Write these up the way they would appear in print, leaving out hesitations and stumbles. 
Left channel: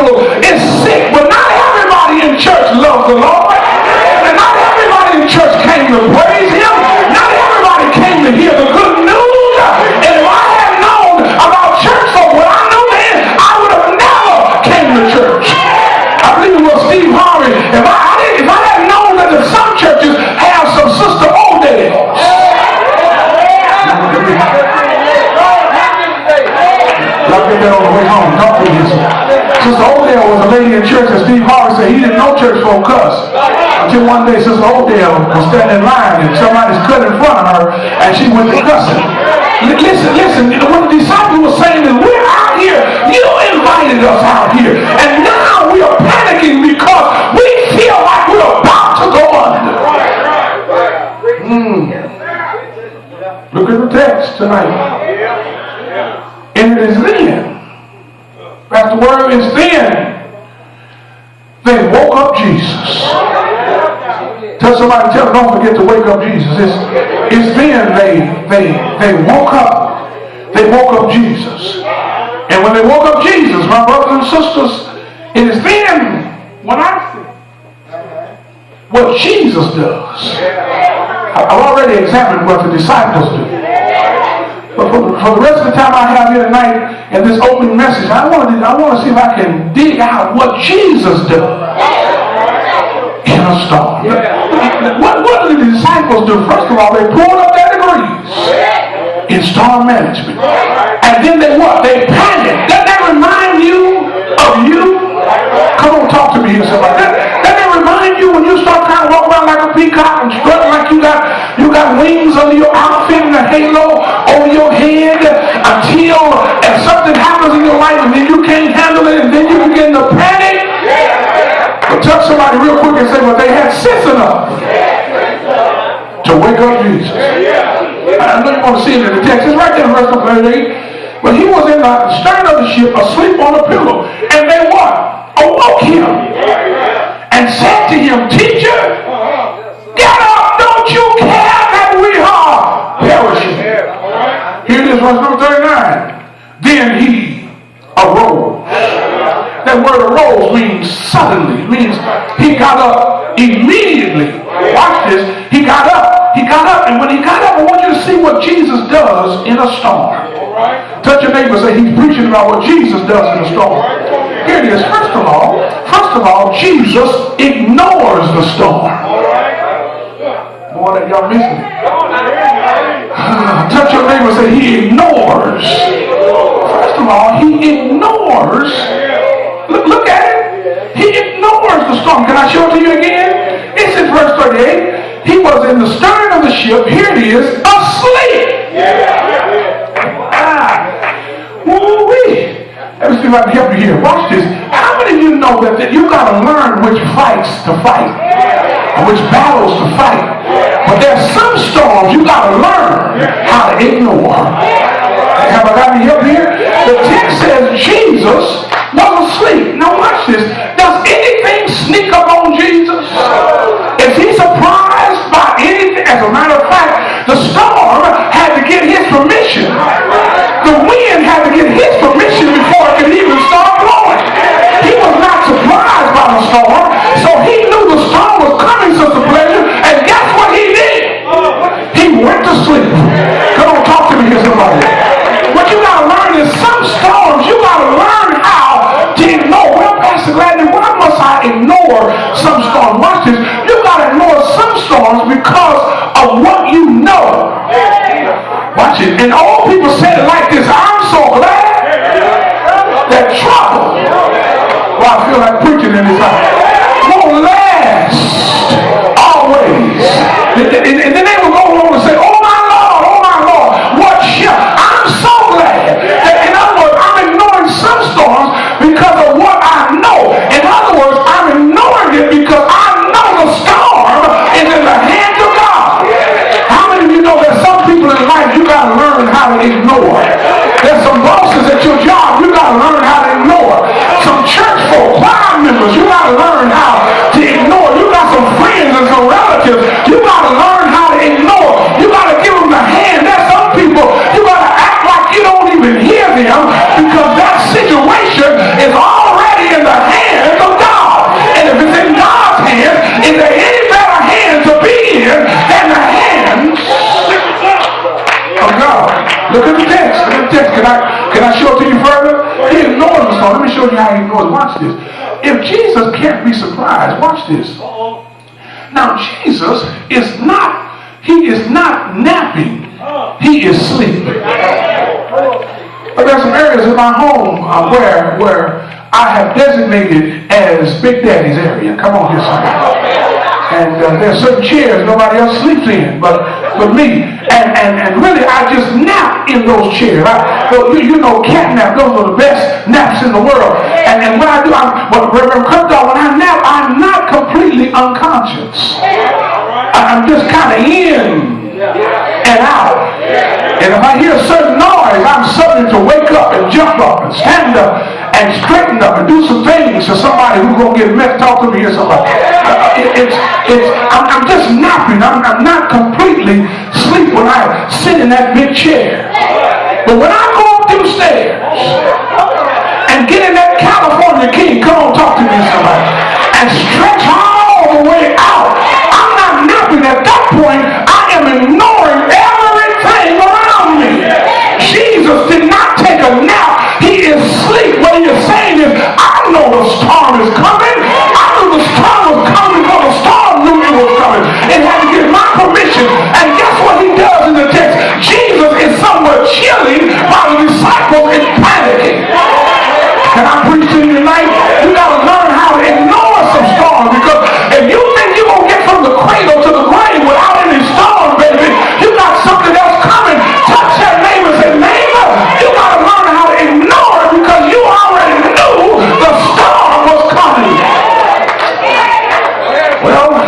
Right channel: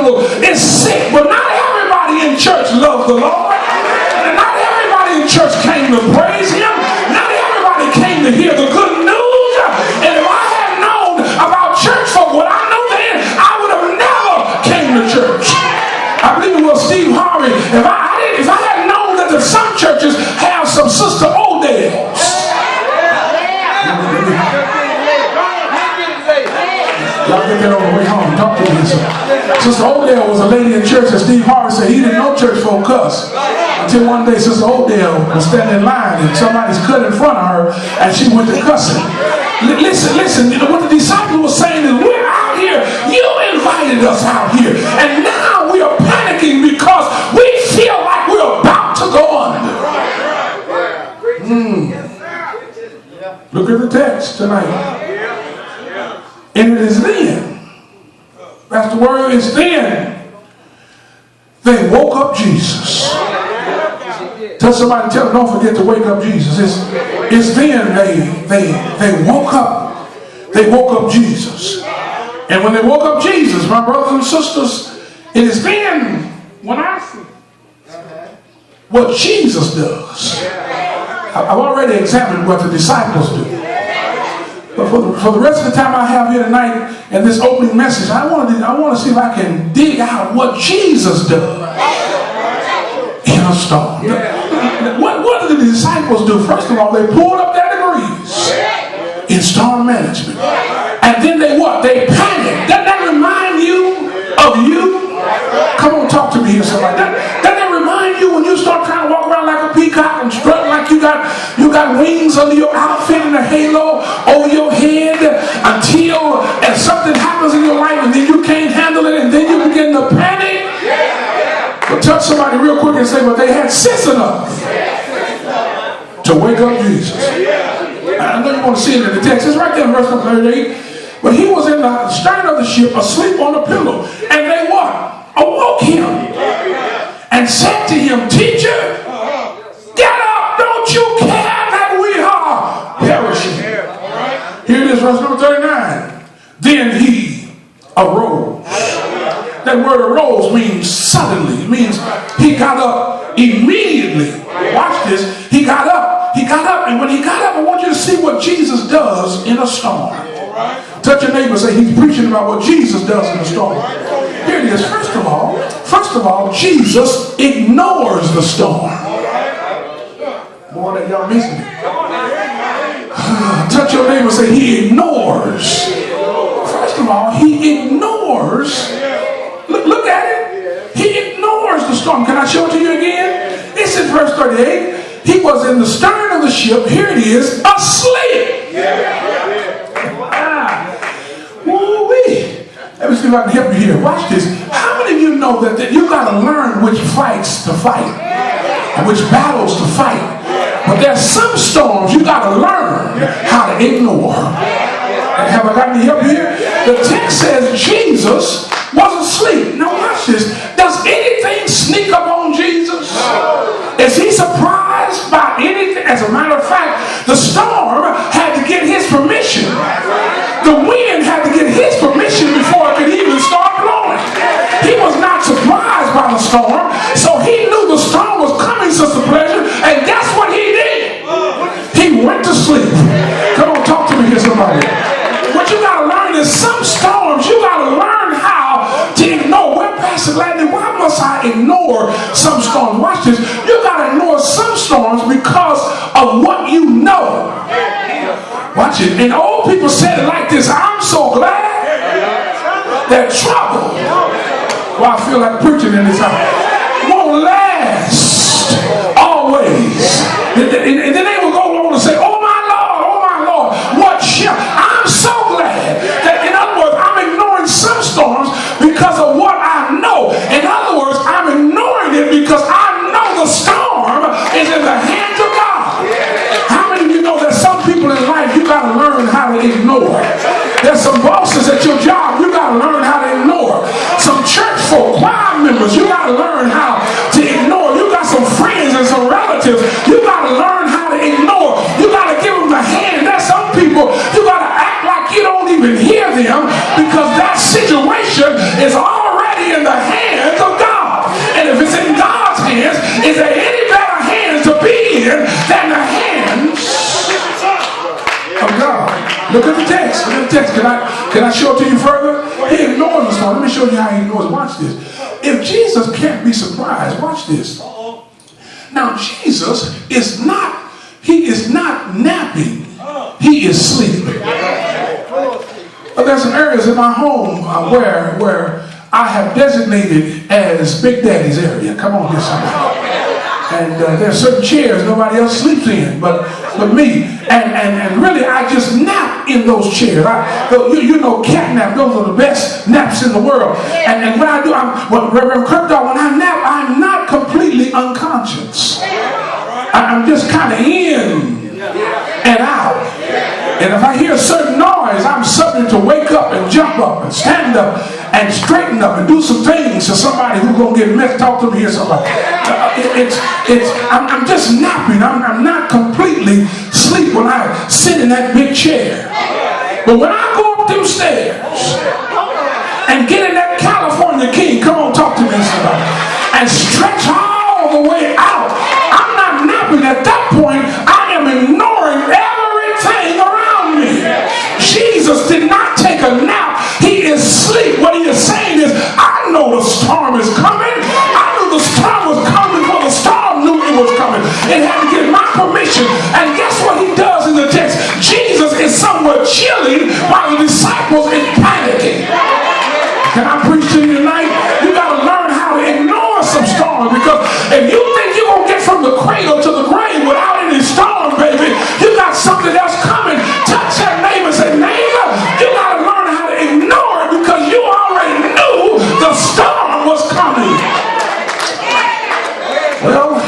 pillow is sick. But not everybody in church loves the Lord. And not everybody in church came to praise him. Not everybody came to hear the good news. And if I had known about church folk, what I knew then, I would have never came to church. I believe it was Steve Harvey. If I had known that some churches have some Sister Odell's. Y'all get that on the way home. Talk to me. Sister Odell was a lady in church, and Steve Harvey said he didn't know church folk cuss. Until one day Sister Odell was standing in line and somebody's cut in front of her and she went to cussing. Listen, what the disciples were saying is, we're out here, you invited us out here, and now we are panicking because we feel like we're about to go under. Look at the text tonight. And it is then, that's the word, is then they woke up Jesus. Tell somebody, tell them, don't forget to wake up Jesus. It's then they woke up. They woke up Jesus. And when they woke up Jesus, my brothers and sisters, it is then when I see what Jesus does. I've already examined what the disciples do. But for the rest of the time I have here tonight in this opening message, I want to see if I can dig out what Jesus does in a storm. What do the disciples do? First of all, they pulled up their degrees in storm management. And then they what? They panicked. Doesn't that remind you of you? Come on, talk to me here, somebody. Doesn't that remind you when you start trying to walk around like a peacock and strutting like you got wings under your outfit and a halo over your head until something happens in your life and then you can't handle it and then you begin to panic? But touch somebody real quick and say, but they had sense enough to wake up Jesus. I know you want to see it in the text. It's right there in verse 38. But he was in the stern of the ship asleep on a pillow. And they what? Awoke him and said to him, Teacher, get up, don't you care that we are perishing? Here it is, verse number 39. Then he arose. That word arose means suddenly. It means he got up immediately. Watch this. He got up. And when he got up, I want you to see what Jesus does in a storm. Touch your neighbor and say, he's preaching about what Jesus does in a storm. Here it is. First of all, Jesus ignores the storm. Boy, that y'all missing it. Touch your neighbor and say, he ignores. First of all, he ignores. Look at it. He ignores the storm. Can I show it to you again? It's in verse 38. He was in the stern of the ship. Here it is, asleep. Woo-wee. Let me see if I can help you here. Watch this. How many of you know that you got to learn which fights to fight and which battles to fight? But there's some storms you got to learn how to ignore. Have I got any help here? The text says Jesus was asleep. Now watch this. Does anything sneak up on Jesus? Is he surprised by anything? As a matter of fact, the storm had to get his permission. The wind had to get his permission before it could even start blowing. He was not surprised by the storm, so he knew the storm was coming, Sister Pleasure, and guess what he did? He went to sleep. Come on, talk to me here, somebody. What you got to learn is some storms you got to learn how to ignore. Well, Pastor Gladney, why must I ignore some storms? Watch this. You got to ignore some storms because of what you know. Watch it. And old people said it like this. I'm so glad that trouble, well, I feel like preaching in this house, won't last always. And then they will go along and say, oh my Lord, what shall? I'm so glad that, in other words, I'm ignoring some storms because of what I know. In other words, I'm ignoring it because I know the storm is in the hands of God. How many of you know that some people in life you got to learn how to ignore? There's some bosses at your job you got to learn how to ignore. Some church folk, choir members, you got to learn how to ignore. You got some friends and some relatives you got to learn how to ignore. You got to give them the hand. There's some people you got to act like you don't even hear them because that situation is already in the in the text. Can I show it to you further? He ignores the storm. Let me show you how he ignores it. Watch this. If Jesus can't be surprised, watch this. Now Jesus is not, he is not napping. He is sleeping. But there's some areas in my home where I have designated as Big Daddy's area. Come on here, somebody. And there's certain chairs nobody else sleeps in but me. And really, I just nap in those chairs. You know, cat nap, those are the best naps in the world. And when I do, when I nap, I'm not completely unconscious. I'm just kind of in and out. And if I hear a certain noise, I'm subject to wake up and jump up and stand up and straighten up and do some things to somebody who's going to get messed. Talk to me or somebody. I'm just napping. I'm not completely asleep when I sit in that big chair. But when I go up them stairs and get in that California King, come on, talk to me somebody, and stretch all the way out, I'm not napping. At that point, I am ignoring everything around me. Jesus did not take a nap. He is asleep. What he is saying is, I know the storm is coming. I knew the storm was coming before the storm knew it was coming. It had to get my permission. And guess what he does in the text? Jesus is somewhat chilling while the disciples is panicking. Can I preach to you tonight? You got to learn how to ignore some storms, because if you think you're going to get from the cradle to the grave without any storm, baby, you got something else coming. Touch that neighbor and say, neighbor, you got to learn how to ignore it, because you already knew the storm was coming. Well,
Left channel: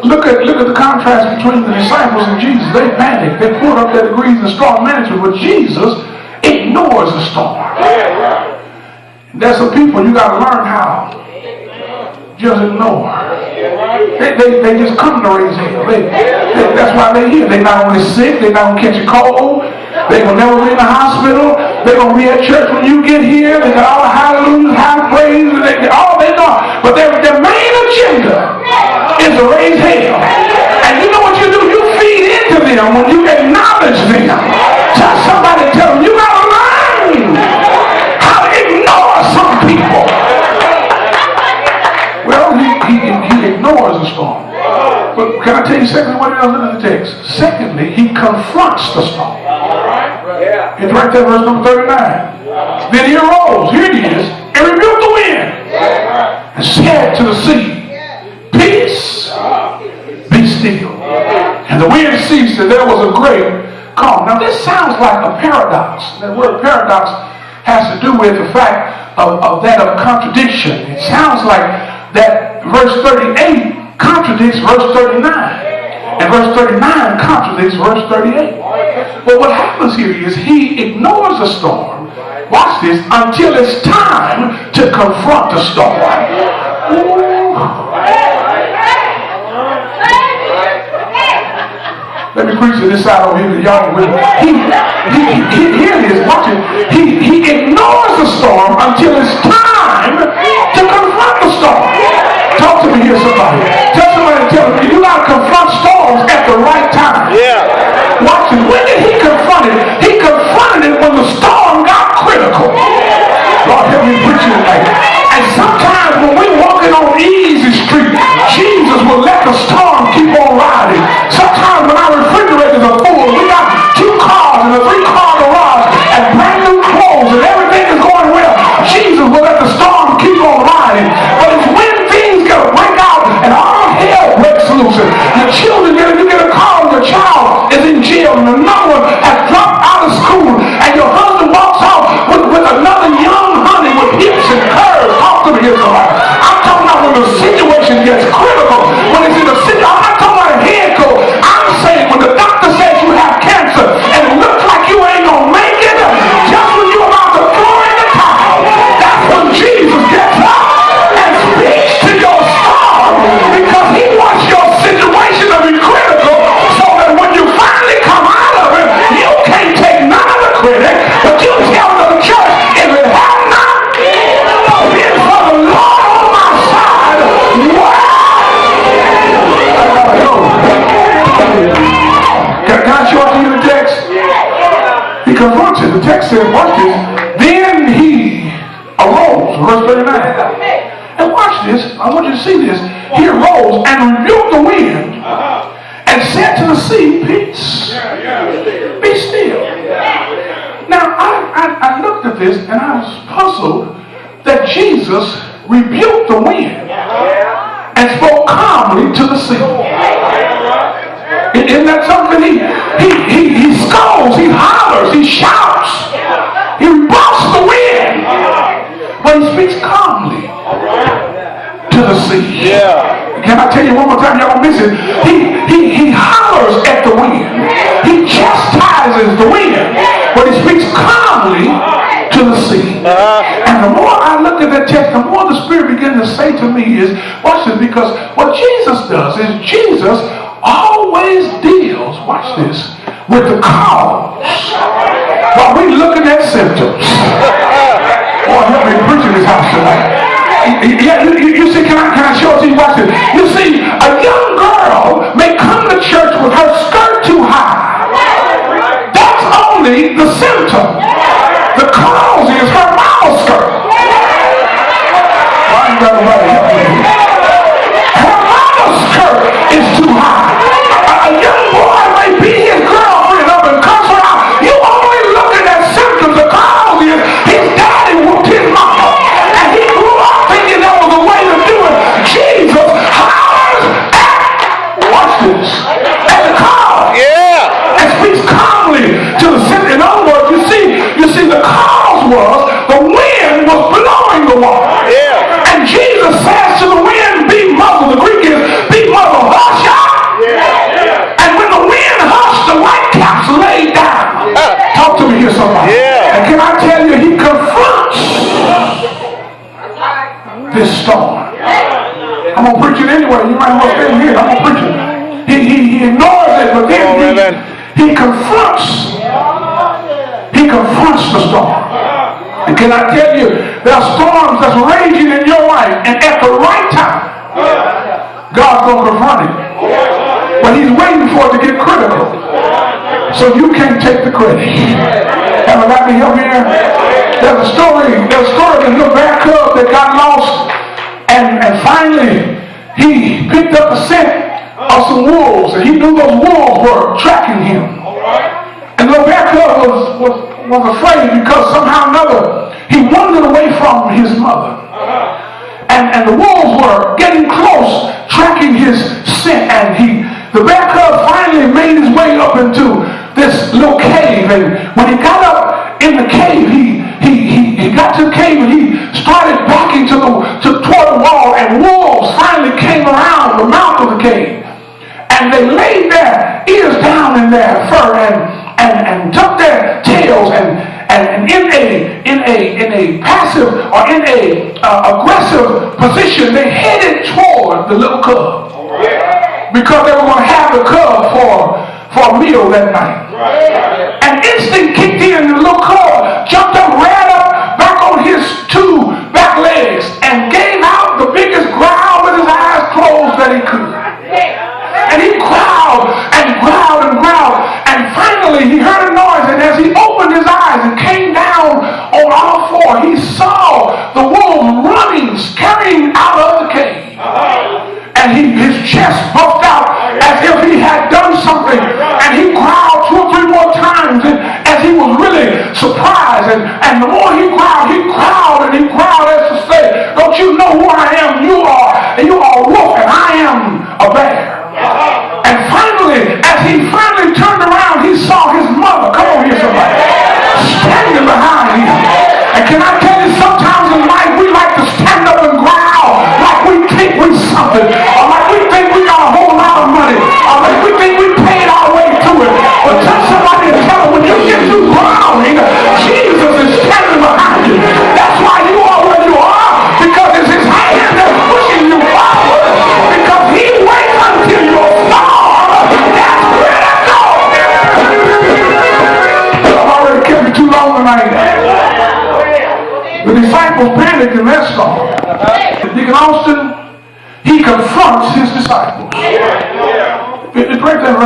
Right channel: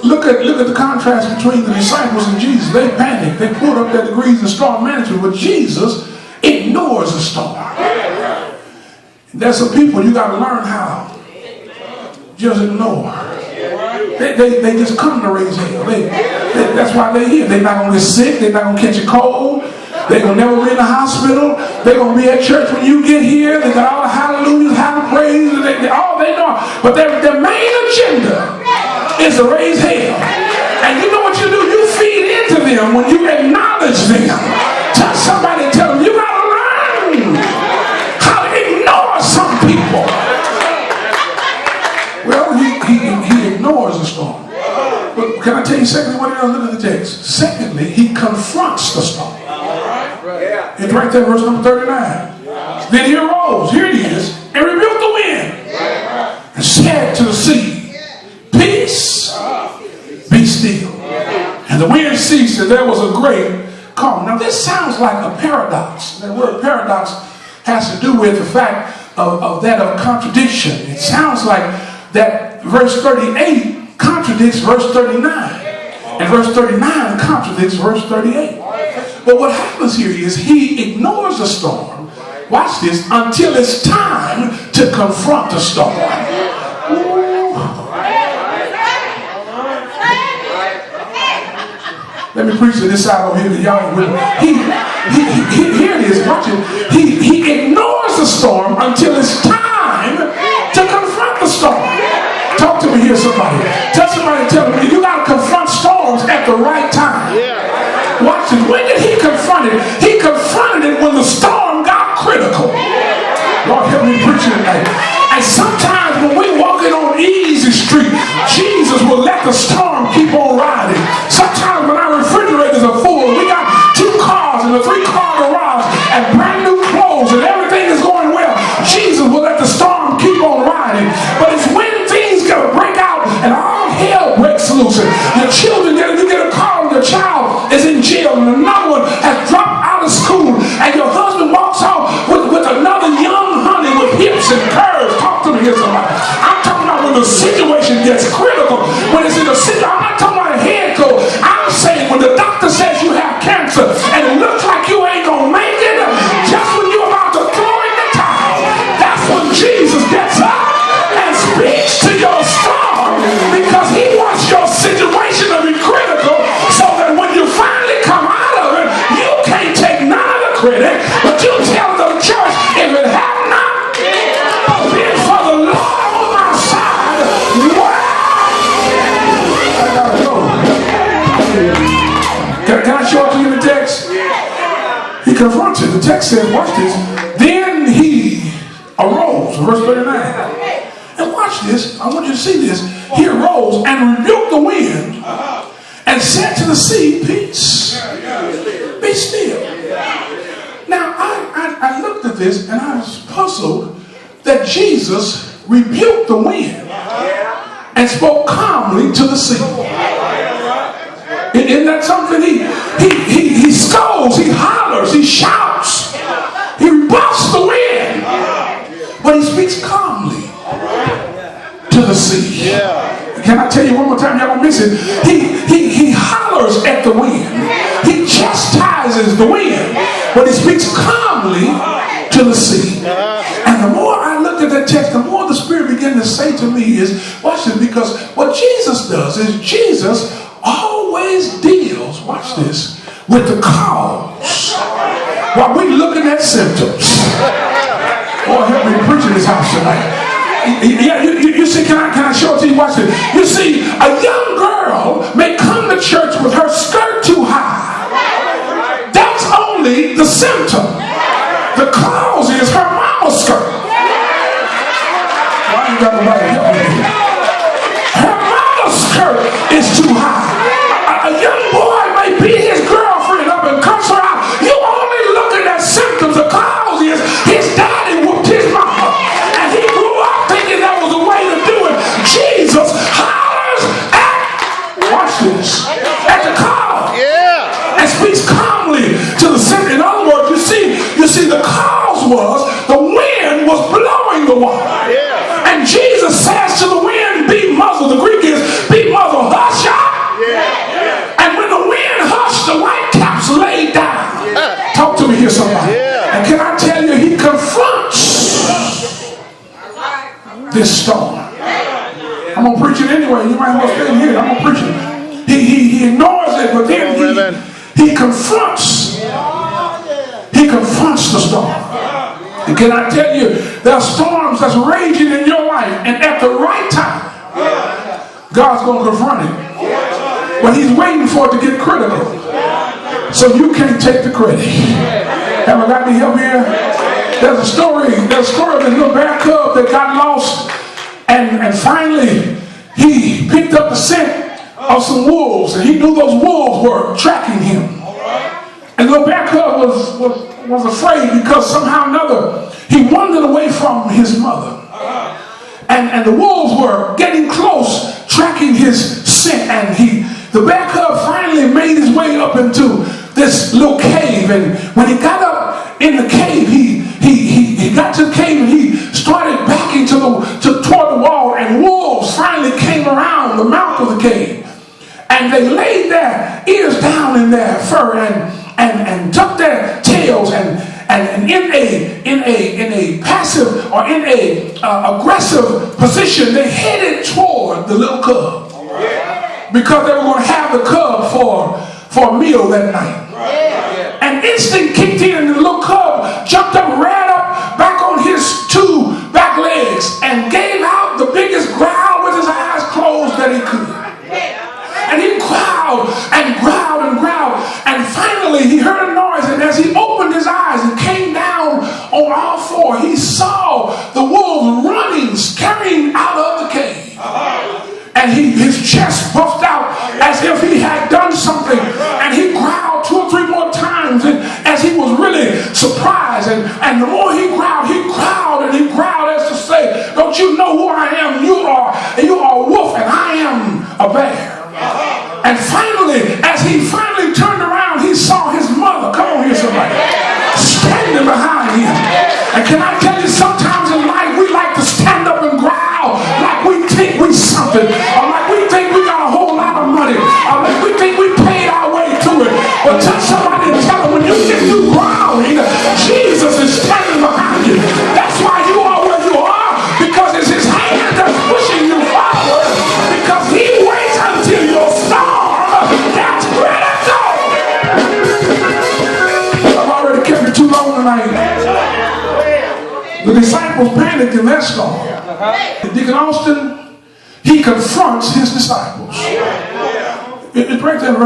look at the contrast between the disciples and Jesus. They panicked. They pulled up their degrees in storm management, but Jesus ignores the storm. There's some people you got to learn how just ignore. They just come to raise hell. That's why they're here. They're not only sick, they're not going to catch a cold. They're going to never be in the hospital. They're going to be at church when you get here. They got all the hallelujahs, high praise, all they know. But their main agenda is to raise hell. And you know what you do? You feed into them when you acknowledge them. Tell somebody, tell them, you got to learn how to ignore some people. Well, he ignores the storm. But can I tell you secondly what else in the text? Secondly, he confronts the storm. It's right there, verse number 39. Then he arose, here it is, and rebuked the wind and said to the sea, peace, be still. And the wind ceased, and there was a great calm. Now this sounds like a paradox. That word paradox has to do with the fact of contradiction. It sounds like that verse 38 contradicts verse 39. And verse 39 contradicts verse 38. But what happens here is he ignores the storm, watch this, until it's time to confront the storm. Let me preach to this side over here. Y'all with me. Here it is, watch it. He ignores the storm until it's time to confront the storm. Talk to me here, somebody. Tell me, you got to confront storms at the right time. Watch it. When did he confront it? He confronted it when the storm got critical. Lord, help me preach it tonight. And sometimes when we're walking on easy street, Jesus will let the storm keep on riding. Sometimes when our refrigerators are full, we got 2 cars and a 3-car garage and brand new clothes and everything is going well, Jesus will let the storm keep on riding. But it's when things get break out and all hell breaks loose. Your children you get a call and your child is in jail and another one has dropped out of school and your husband walks out with another young honey with hips and curves. Talk to me here, somebody. I'm talking about when the situation gets critical, when it's in the city. I'm not talking about a head cold. I'm saying when the doctor says you have cancer and it looks like you ain't gonna make it, just when you're about to throw in the towel, that's when Jesus gets up and speaks to your storm, because he wants your situation to be critical so that when you finally come out of it, you can't take none of the credit, but you tell the church, if it had not been for the Lord on my side, Can I show it to you in the text? He confronts it. The text says, watch this. Then he arose, verse 39. And watch this. I want you to see this. He arose and rebuked the wind and said to the sea, peace, be still. Now, I looked at this and I was puzzled that Jesus rebuked the wind and spoke calmly to the sea. Isn't that something? He scolds, he hollers, he shouts, he rebuffs the wind, but he speaks calmly to the sea. Can I tell you one more time? Y'all don't miss it. He hollers at the wind. He chastises the wind, but he speaks calmly to the sea. And the more I looked at that text, the more the Spirit began to say to me is, watch this, because what Jesus does is Jesus always deals, watch this, with the cause while we looking at symptoms. Boy, help me preach in this house tonight. Yeah, you see, can I show it to you? Watch this. You see, a young girl may come to church with her skirt too high. That's only the symptom. The cause is her mama skirt. Why you got to write it? Her mama skirt is too high. A young boy may beat his girlfriend up and cuss her out. You only looking at symptoms. The cause is his daddy whooped his mama. And he grew up thinking that was the way to do it. Jesus hollers at, watch this, at the cause. And speaks calmly to the symptom. In other words, you see the cause was the wind was blowing the water. And Jesus says to the wind, be muzzled. The Greek is, be muzzled, hush up. And when the wind hushed, the whitecaps laid down. Talk to me here, somebody. And can I tell you, he confronts this storm. I'm going to preach it anyway. You might as well stay here. I'm going to preach it. He ignores it, but then he confronts. He confronts the storm. And can I tell you, there are storms that's raging in your life, and at the right time, God's going to confront it. But he's waiting for it to get critical. So you can't take the credit. Have I got me help here? There's a story of the little bear cub that got lost, and finally he picked up the scent of some wolves, and he knew those wolves were tracking him. And the little bear cub was afraid because somehow or another he wandered away from his mother. And the wolves were getting close, tracking his scent, and the bear cub finally made his way up into this little cave. And when he got up in the cave, he got to the cave and he started backing toward the wall, and wolves finally came around the mouth of the cave. And they laid their ears down in their fur and tucked their tails and in a passive or in a aggressive position, they headed toward the little cub because they were going to have the cub for a meal that night. And instinct kicked in, and the little cub jumped up, ran up back on his two back legs, and gave out the biggest growl with his eyes closed that he could. And he growled and growled and growled. And finally he heard a noise. And as he opened his eyes and came down on all four, he saw the wolves running, scurrying out of the cave. And his chest puffed out as if he had done something. And he growled 2 or 3 more times, and as he was really surprised. And the more he growled and he growled as to say, don't you know who I am? You are a wolf and I am a bear. And finally, as he finally turned around, he saw his mother. Come on here, somebody. Standing behind him. And can I tell you, sometimes in life we like to stand up and growl like we think we something, or like we think we got a whole lot of money, or like we think we paid our way to it. But touch somebody and tell them, when you get through growling, Jesus is standing behind you. That's why you are where you are, because it's his hand that's pushing you forward, because he waits until your storm gets critical. I've already kept it too long tonight. The disciples panicked in their storm. Deacon Austin, he confronts his disciples. It's right there.